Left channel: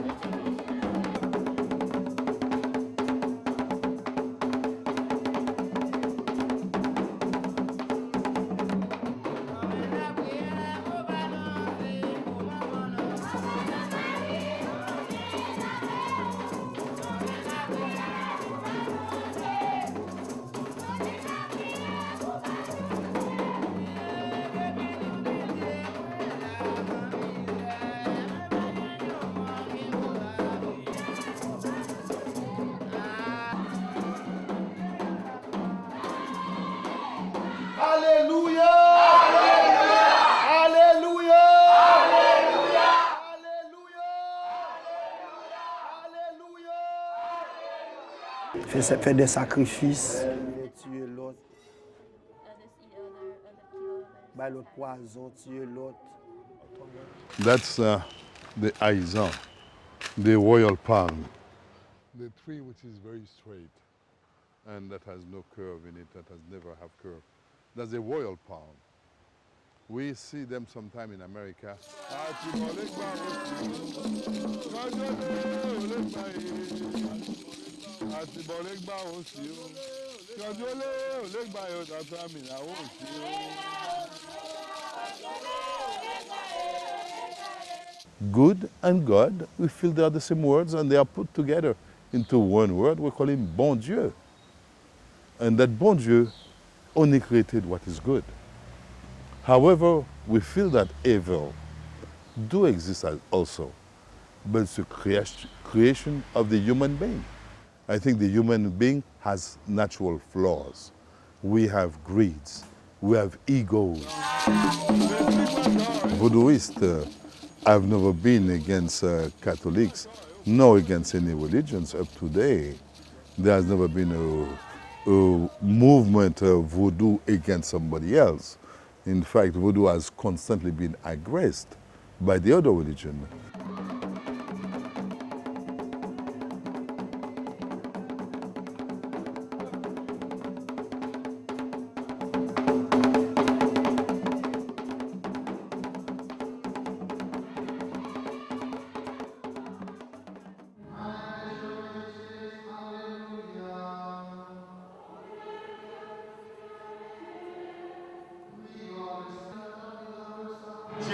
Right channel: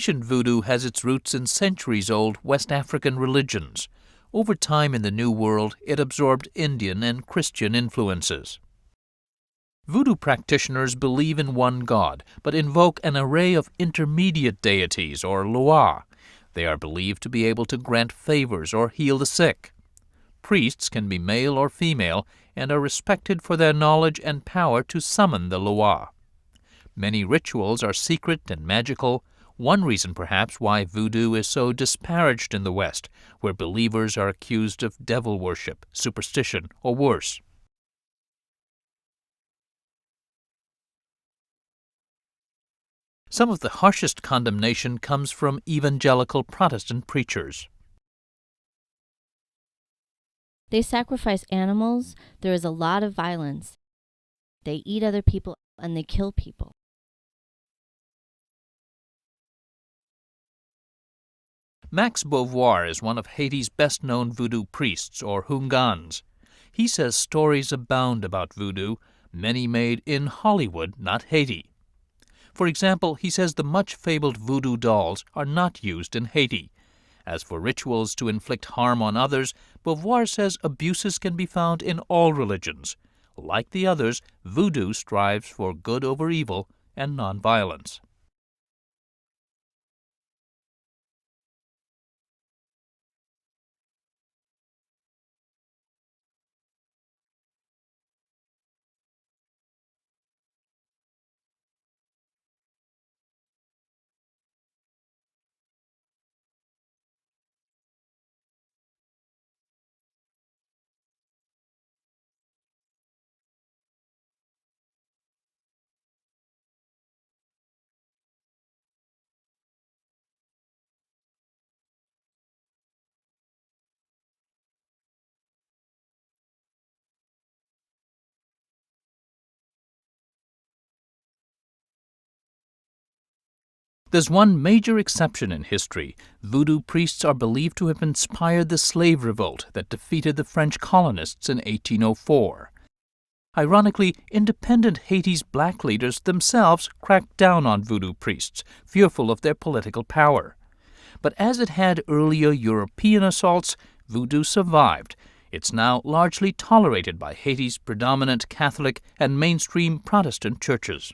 Haitian Vodou has its roots in centuries-old West African religions. Over time in the New World, it absorbed Indian and Christian influences. Vodou practitioners believe in one god, but invoke an array of intermediate deities, or loa. They are believed to be able to grant favors or heal the sick. Priests can be male or female and are respected for their knowledge and power to summon the loa. Many rituals are secret and magical, one reason perhaps why voodoo is so disparaged in the West, where believers are accused of devil worship, superstition, or worse. Some of the harshest condemnation comes from evangelical Protestant preachers. They sacrifice animals, there is a lot of violence. They eat other people and they kill people. That's the Haitian, the royal palm. Max Beauvoir is one of Haiti's best-known voodoo priests, or Hungans. He says stories abound about voodoo, many made in Hollywood, not Haiti. For example, he says the much-fabled voodoo dolls are not used in Haiti. As for rituals to inflict harm on others, Beauvoir says abuses can be found in all religions. Like the others, voodoo strives for good over evil and nonviolence. Good and God, we feel they are the same words and they are put together into one word. We call him Bon Dieu. And that Bon Dieu only created what is good. However, we feel that evil do exist also, but it's a creation of the human being. I think the human being has natural flaws. We have greeds, we have egos. Voodooists have never been against Catholics, nor against any religions up to today. There has never been a movement of voodoo against somebody else. In fact, voodoo has constantly been aggressed by the other religion. There's one major exception in history. Voodoo priests are believed to have inspired the slave revolt that defeated the French colonists in 1804. Ironically, independent Haiti's black leaders themselves cracked down on voodoo priests, fearful of their political power. But as it had earlier European assaults, voodoo survived. It's now largely tolerated by Haiti's predominant Catholic and mainstream Protestant churches.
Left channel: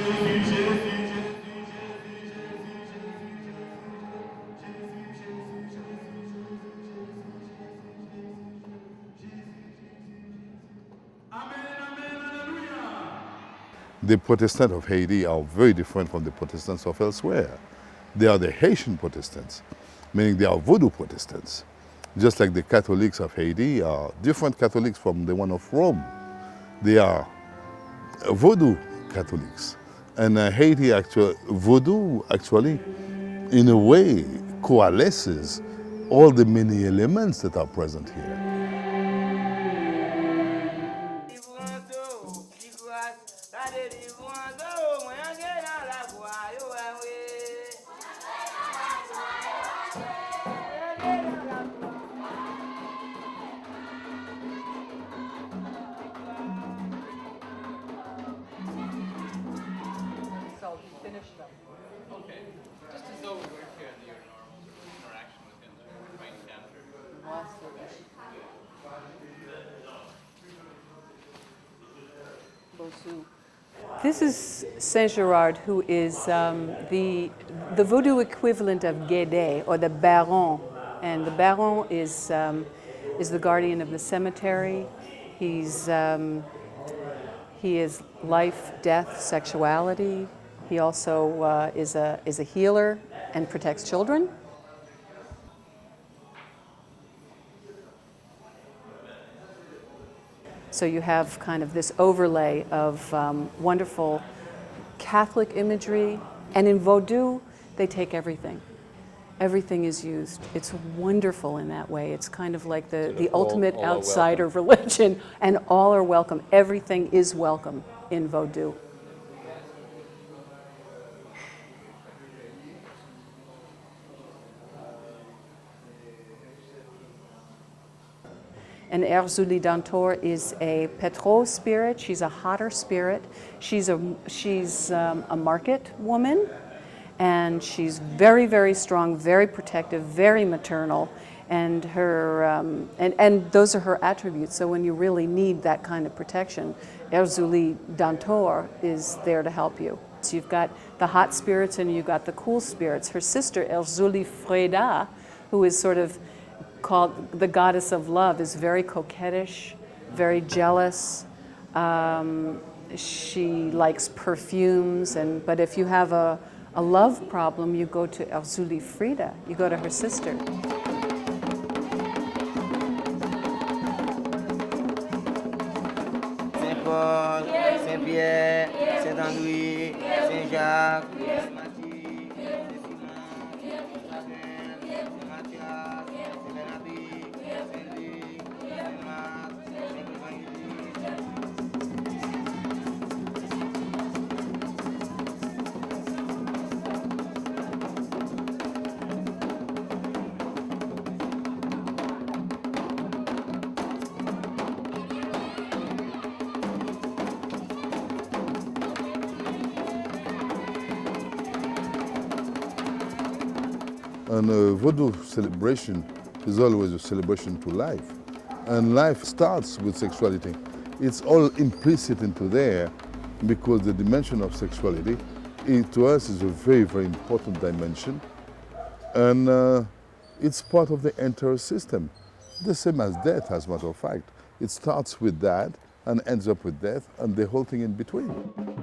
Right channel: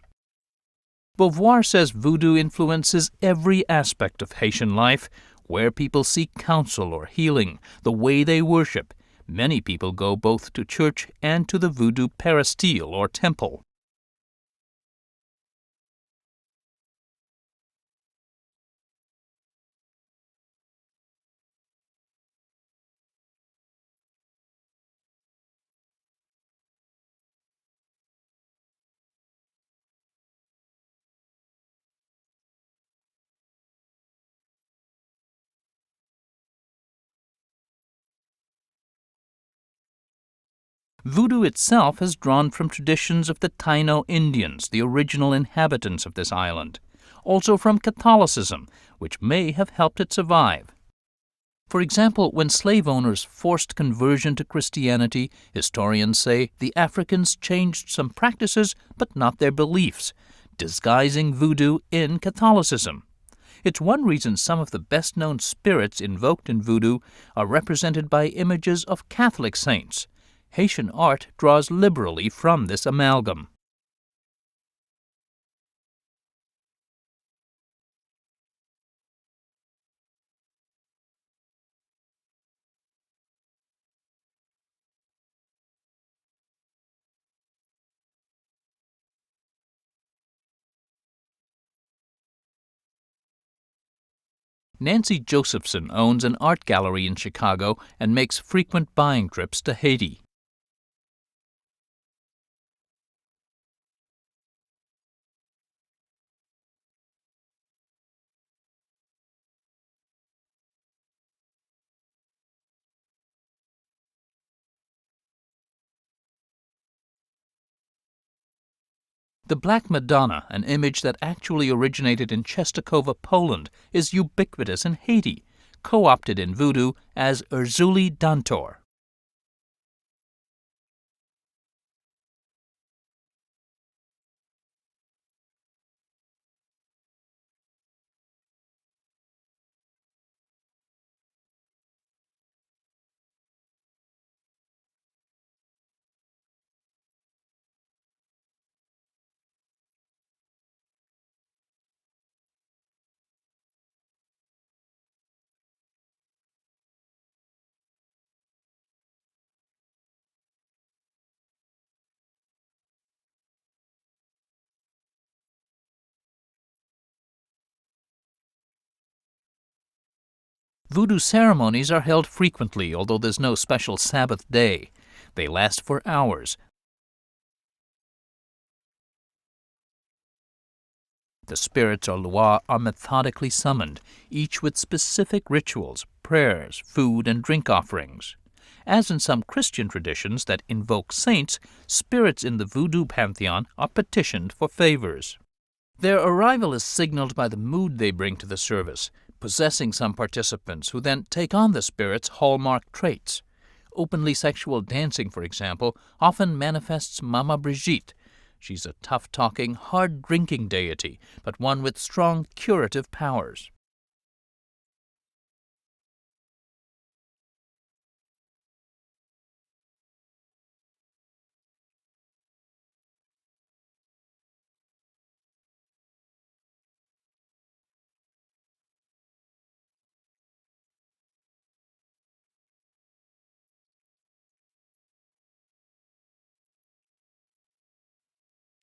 Beauvoir says voodoo influences every aspect of Haitian life, where people seek counsel or healing, the way they worship. Many people go both to church and to the voodoo peristyle or temple. The Protestants of Haiti are very different from the Protestants of elsewhere. They are the Haitian Protestants, meaning they are voodoo Protestants. Just like the Catholics of Haiti are different Catholics from the one of Rome. They are voodoo Catholics. And Haiti voodoo actually, in a way, coalesces all the many elements that are present here. Voodoo itself has drawn from traditions of the Taino Indians, the original inhabitants of this island. Also from Catholicism, which may have helped it survive. For example, when slave owners forced conversion to Christianity, historians say the Africans changed some practices but not their beliefs, disguising voodoo in Catholicism. It's one reason some of the best-known spirits invoked in voodoo are represented by images of Catholic saints. Haitian art draws liberally from this amalgam. This is Saint Gerard, who is the voodoo equivalent of Guédé, or the Baron. And the Baron is the guardian of the cemetery. He is life, death, sexuality. He also is a healer and protects children. Nancy Josephson owns an art gallery in Chicago and makes frequent buying trips to Haiti. So you have kind of this overlay of wonderful Catholic imagery. And in Vodou, they take everything. Everything is used. It's wonderful in that way. It's kind of like the ultimate outsider religion, and all are welcome. Everything is welcome in Vodou. The Black Madonna, an image that actually originated in Czestochowa, Poland, is ubiquitous in Haiti, co-opted in Voodoo as Erzulie Dantor. And Erzulie Dantor is a Petro spirit. She's a hotter spirit. She's a market woman, And she's very, very strong, very protective, very maternal, and and those are her attributes. So when you really need that kind of protection, Erzuli Dantor is there to help you. So you've got the hot spirits and you've got the cool spirits. Her sister Erzuli Freda, who is sort of called the goddess of love, is very coquettish, very jealous. She likes perfumes, but if you have a love problem, you go to Erzuli Frida, you go to her sister. Voodoo ceremonies are held frequently, although there's no special Sabbath day. They last for hours. The spirits or Loa are methodically summoned, each with specific rituals, prayers, food, and drink offerings. As in some Christian traditions that invoke saints, spirits in the voodoo pantheon are petitioned for favors. Their arrival is signaled by the mood they bring to the service, possessing some participants who then take on the spirit's hallmark traits. Openly sexual dancing, for example, often manifests Mama Brigitte. She's a tough-talking, hard-drinking deity, but one with strong curative powers. And a Vodou celebration is always a celebration to life. And life starts with sexuality. It's all implicit into there because the dimension of sexuality to us is a very, very important dimension. And it's part of the entire system. The same as death, as a matter of fact. It starts with that and ends up with death and the whole thing in between.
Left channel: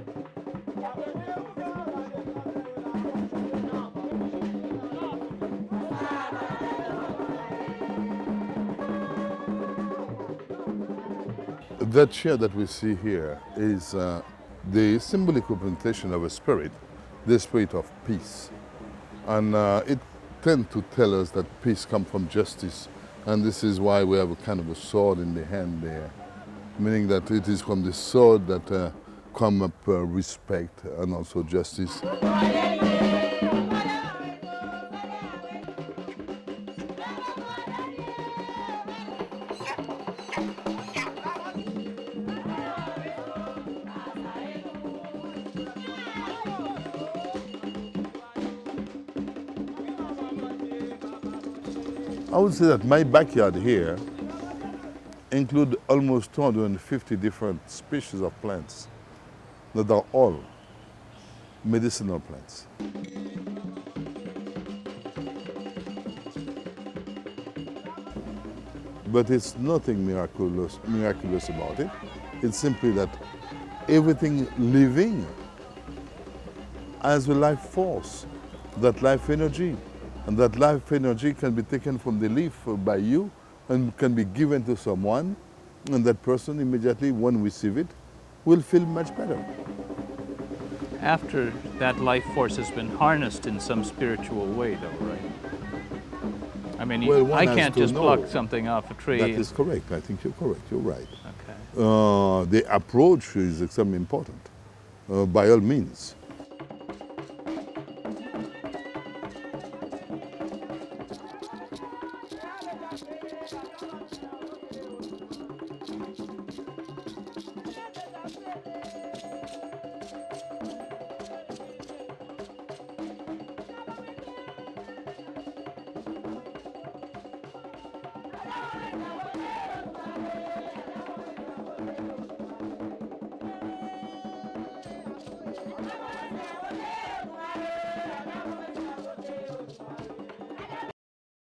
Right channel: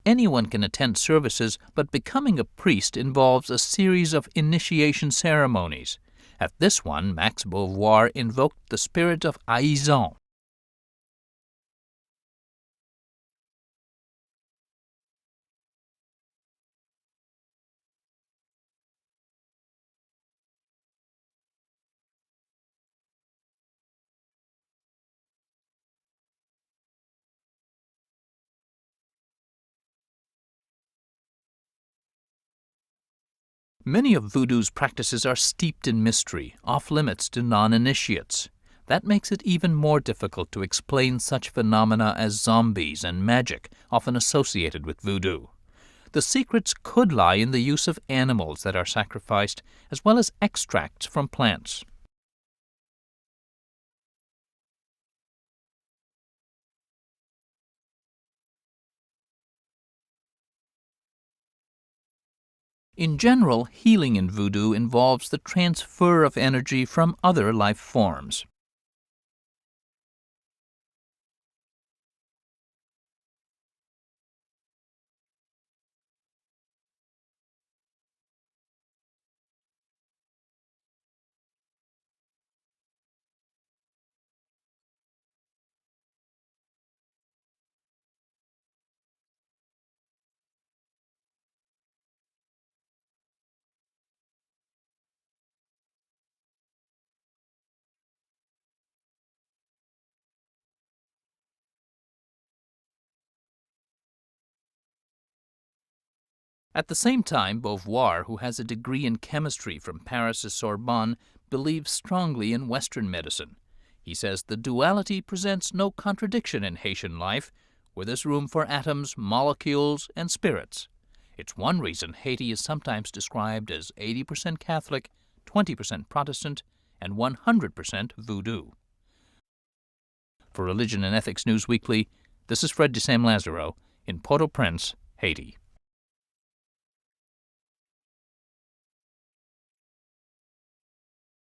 Anyone can attend services, but becoming a priest involves a series of initiation ceremonies. At this one, Max Beauvoir invoked the spirit of Aizan. That chair that we see here is the symbolic representation of a spirit, the spirit of peace. And it tends to tell us that peace comes from justice. And this is why we have a kind of a sword in the hand there, meaning that it is from the sword that come up respect and also justice. Many of voodoo's practices are steeped in mystery, off limits to non-initiates. That makes it even more difficult to explain such phenomena as zombies and magic, often associated with voodoo. The secrets could lie in the use of animals that are sacrificed, as well as extracts from plants. I would say that my backyard here includes almost 250 different species of plants that are all medicinal plants. In general, healing in voodoo involves the transfer of energy from other life forms. But it's nothing miraculous about it. It's simply that everything living has a life force, that life energy. And that life energy can be taken from the leaf by you and can be given to someone, and that person immediately, when receive it, will feel much better. After that life force has been harnessed in some spiritual way, though, right? I mean, Well, I can't just pluck something off a tree. That is correct. I think you're correct. You're right. Okay. The approach is extremely important, by all means. At the same time, Beauvoir, who has a degree in chemistry from Paris' Sorbonne, believes strongly in Western medicine. He says the duality presents no contradiction in Haitian life, where there's room for atoms, molecules, and spirits. It's one reason Haiti is sometimes described as 80% Catholic, 20% Protestant, and 100% Voodoo. For Religion and Ethics Newsweekly, this is Fred de Sam Lazaro in Port-au-Prince, Haiti.